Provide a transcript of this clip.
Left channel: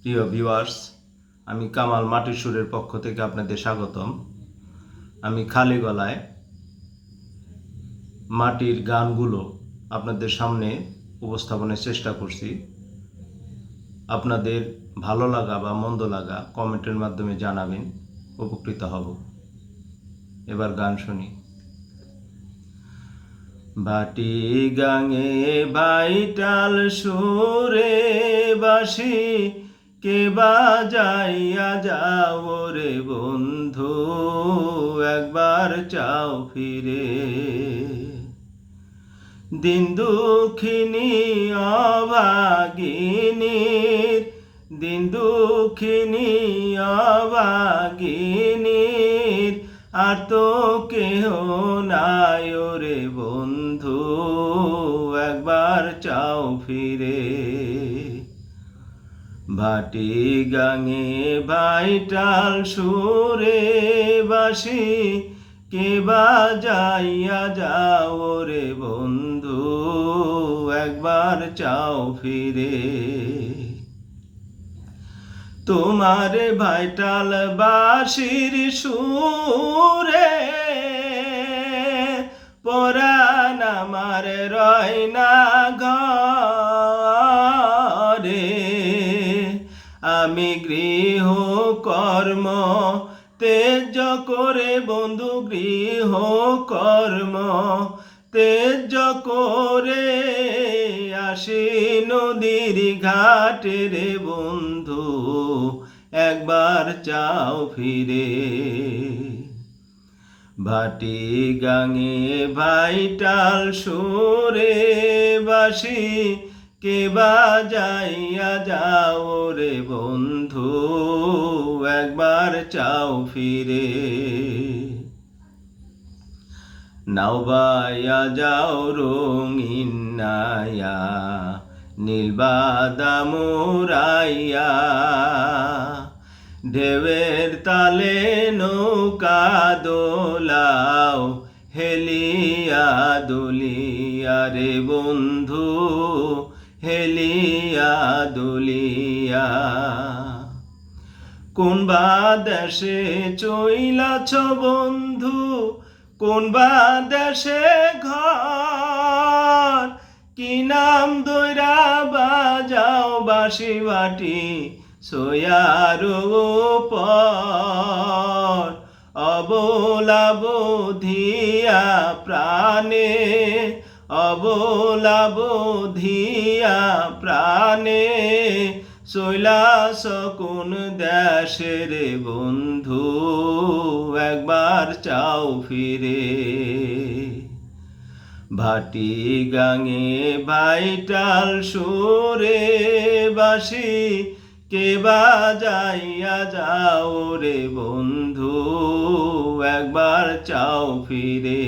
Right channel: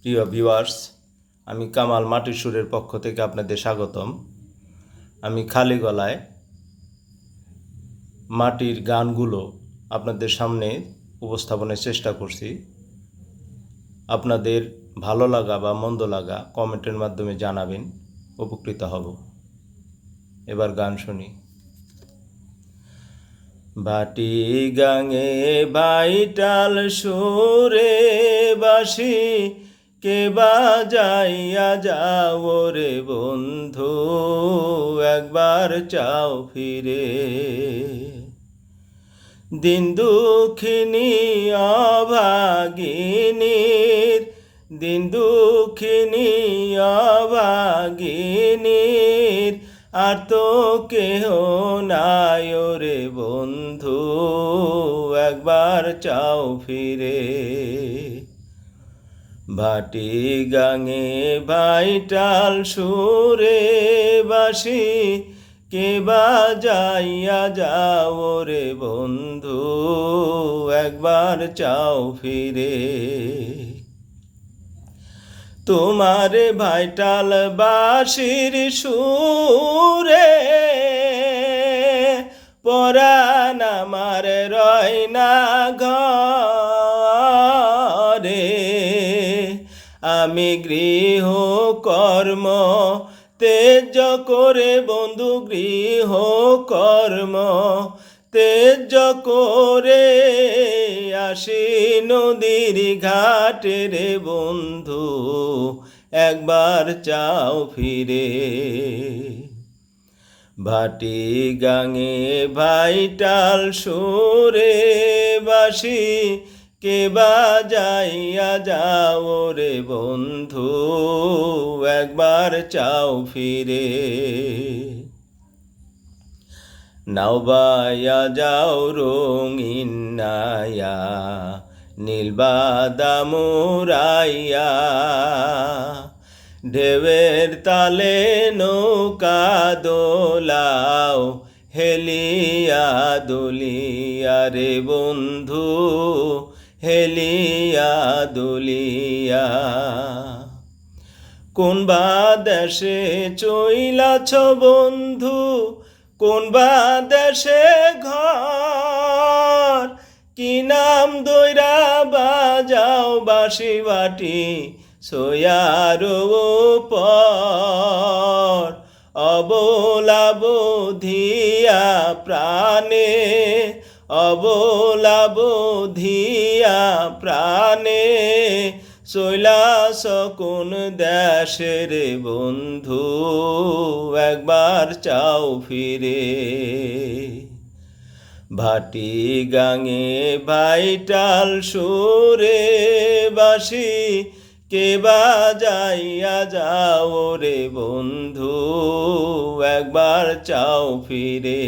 প্রিয় ভিউয়ার্স, আমি কামাল মাটির সুরের পক্ষ থেকে আপনাদের স্বাগতম। আমি খালি গলায় মাটির গানগুলো আপনাদের সামনে উপস্থাপনের চেষ্টা করছি। আপনাদের ভালো লাগা বা মন্দ লাগা কমেন্টের মাধ্যমে জানাবেন, উপকৃত হব। এবার গান শুনি। বাটি গাঙে বাইটাল সুরে বাসি কে বাজাইয়া যাও রে বন্ধু, একবার চাও ফিরে। দিন দুঃখিনী অভাগিনীর, দিন দুঃখিনী অভাগিনীর, আর তো কেহ নাই রে বন্ধু, একবার চাও ফিরে। ভাটি গাঙে ভাইটাল সুরে বাসি কে বাজাইয়া যাও রে বন্ধু, একবার চাও ফিরে। তোমার ভাইটাল বাঁশির সুরে পরাণ আমার রয় না ঘরে, আমি গৃহ কর্ম তেজ করে বন্ধু, গৃহ কর্ম তেজ করে আসি নদীর ঘাটে রে বন্ধু, একবার চাও ফিরে। ভাটি গাঙে ভাইটাল সুরে বাসি কে বাজাইয়া যাও রে বন্ধু, একবার চাও ফিরে। নাও বাইয়া যাও রঙিন নায়া, নীল বাদাম উড়াইয়া, ঢেউয়ের তালে নৌকা দোলাও, হেলিয়া দুলিয়া রে বন্ধু, হেলিয়া দুলিয়া। কোন বা দেশে চইলাছ বন্ধু, কোন বা দেশে ঘর, কি নাম দইরা বাজাও বাঁশি বাটি সয়ার পর, অবলা বধিয়া প্রাণে, অবলা বধিয়া প্রাণে, চইলাছ কোন দেশে রে বন্ধু, একবার চাও ফিরে। ভাটি গাঙে ভাইটাল সুরে বাসি কে বাজাইয়া যাও রে বন্ধু, একবার চাও ফিরে।